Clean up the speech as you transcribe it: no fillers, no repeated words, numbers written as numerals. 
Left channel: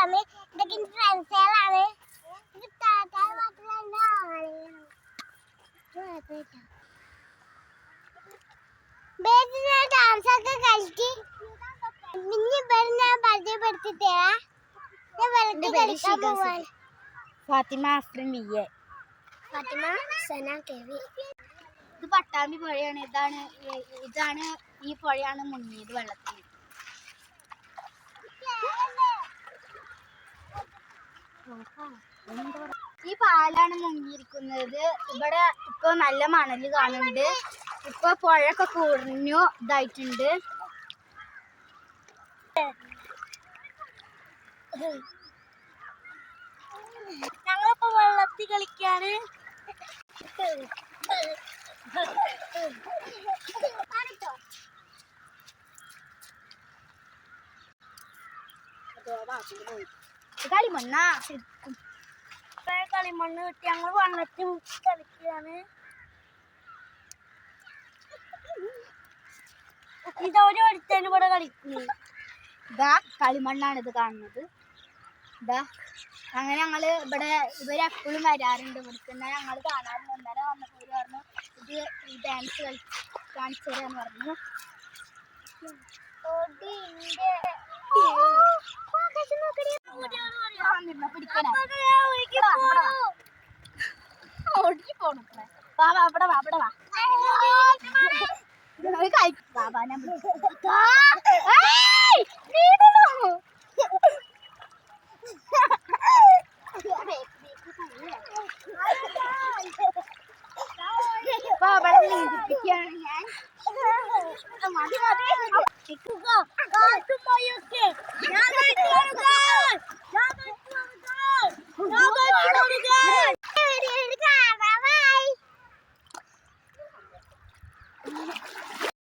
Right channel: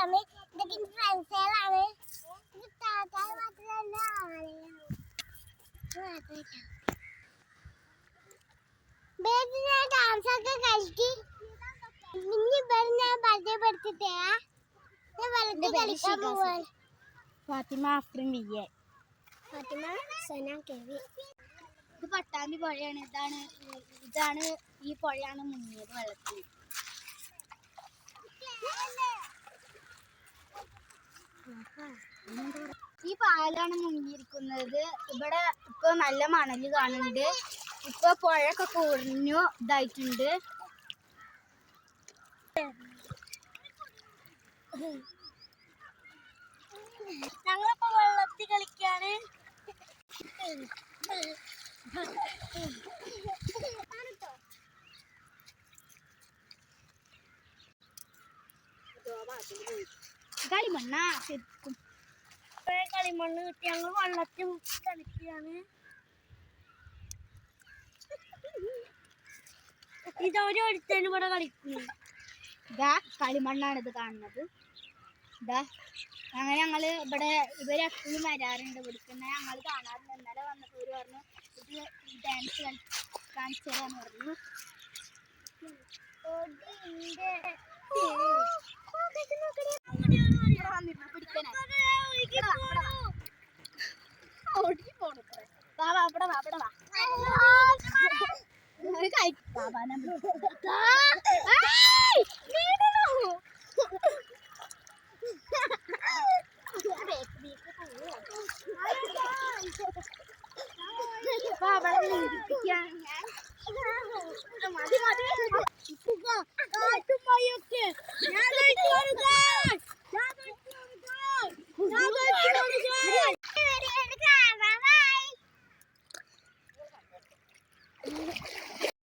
കളിക്കാണ്. ഇതൊക്കെ ഫ്രണ്ട്സുകളാണ്. ഡാൻസ് ഒക്കെ കളിച്ച് പരിചയപ്പെടുത്തിട്ടേ ഫാത്തിമ ആഫ്രിൻ വിയെ. ഫാത്തിമ സന കെവി. ഇത് പട്ടാമ്പി പുഴയാണ്. ഇതാണ് ഈ പുഴയാണ് മുങ്ങിയത് വെള്ളത്തിൽ. ഈ പാലാണ് മുങ്ങിയിരിക്കുന്നത്. ഇവിടെ ഇപ്പൊ നല്ല മണല് കാണുന്നുണ്ട്. ഇപ്പൊ പുഴയൊക്കെ കുറഞ്ഞു ഇതായിട്ടുണ്ട്. ഞങ്ങളിപ്പോ വെള്ളത്തിൽ കളിക്കാണ്. കളിമണ്ണാ കളിമണ്ണ് കിട്ടി ഞങ്ങൾ വെള്ളത്തിൽ കളിക്കാണ്. ഇതൊരുത്തനും ഇവിടെ കളിക്കുന്നു. ഇതാ കളിമണ്ണാണ് ഇത് കാണുന്നത്. ഇതാ അങ്ങനെ ഞങ്ങള് ഇവിടെ ഇവരെപ്പോഴും വരാറുണ്ട്. ഇവിടുന്ന് ഞങ്ങൾ കാണാറുണ്ട്. ഇന്നലെ വന്നപ്പോൾ ഇവര് പറഞ്ഞു ഇത് ഈ ഡാൻസ് കാണിച്ചു തരാന്ന് പറഞ്ഞു.